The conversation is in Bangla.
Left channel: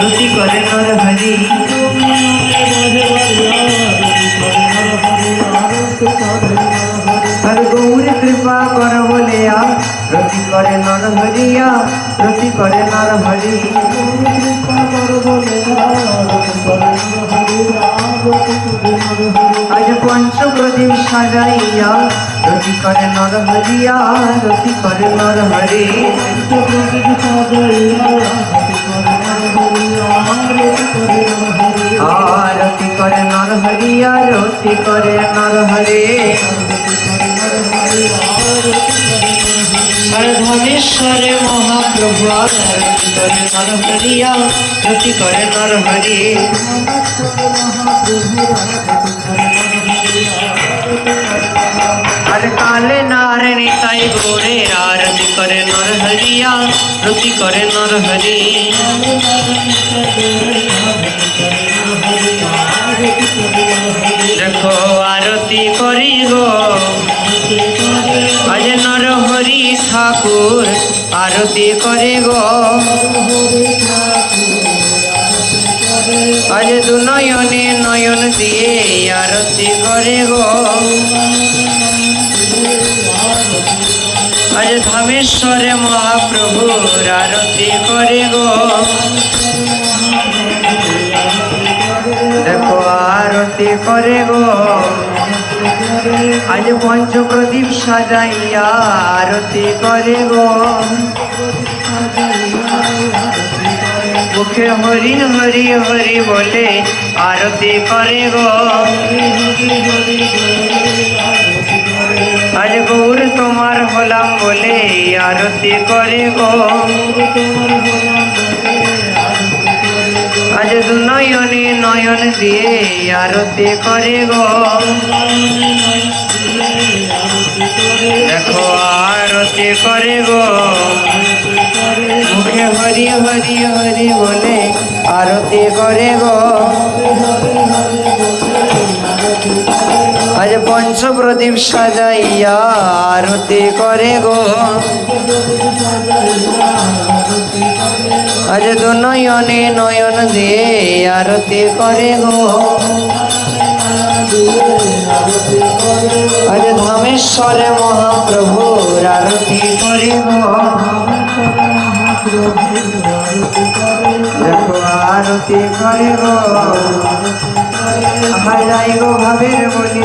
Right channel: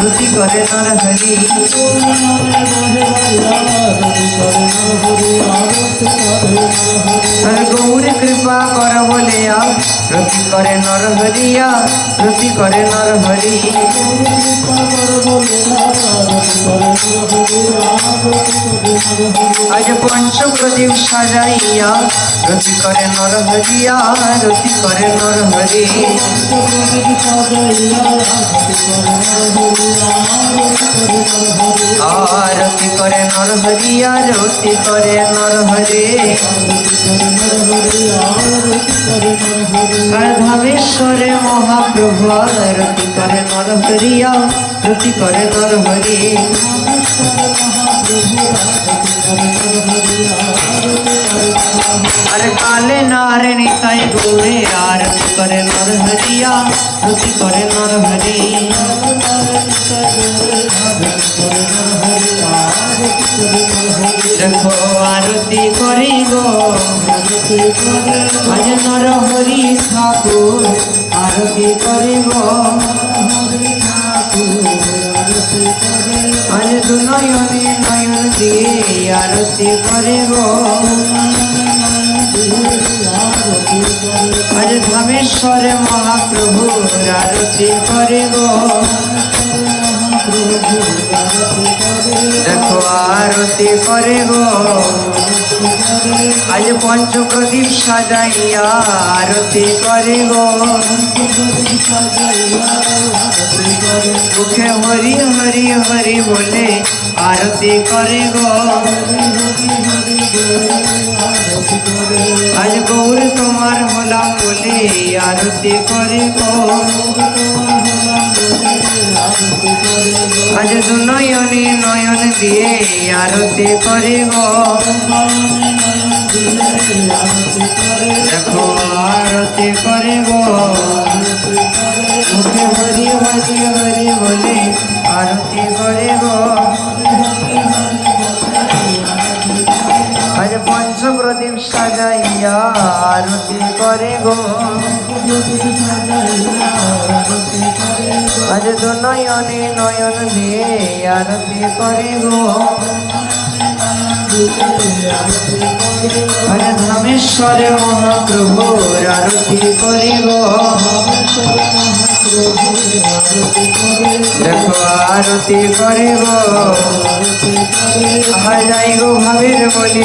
রতি করে নর হরি। আর গৌর কৃপা কর বলিয়া রতি করে নর হরিয়া, রতি করে নর হরি। আজ পঞ্চ প্রদীপ সাজাইয়া রতি করে নর হরিয়া, রতি করে নর হরি। আরতি করে নর হরিয়া, রতি করে নর হরে। আর ধামেশ্বরে মহাপ্রভু আরতি করে নর হরিয়া, রতি করে নর হরি। আর কালে নারে নিতাই গৌরের আরতি করে নর হরিয়া, রতি করে নর হরি। দেখো আরতি করি গো আজ নর হরি ঠাকুর আরতি করে গো। আজ দু নয়নে নয়ন দিয়ে আরতি করে গো। আজ ধামেশ্বরে মহাপ্রভুর আরতি করে গো। দেখো আরতি করে গো আজ পঞ্চপ্রদীপ সাজাইয়া আরতি করে গো। মুখে হরি হরি হরি বলে আরতি করে গো। আজ গৌর তোমার হলাম বলে আরতি করে গো। আজ দু নয়নে নয়ন দিয়ে আরতি করে গো। দেখো আরতি করে গো মুখে হরি হরি হরি বলে আরতি করে গো। আজ পঞ্চপ্রদীপ সাজাইয়া আরতি করে গো। আজ দু নয়নে নয়ন দিয়ে আরতি করে গো। আজ ধামেশ্বরে মহাপ্রভুর আরতি করে গো। দেখো আরতি করে গো। আমার যাই গো ভাবের বলে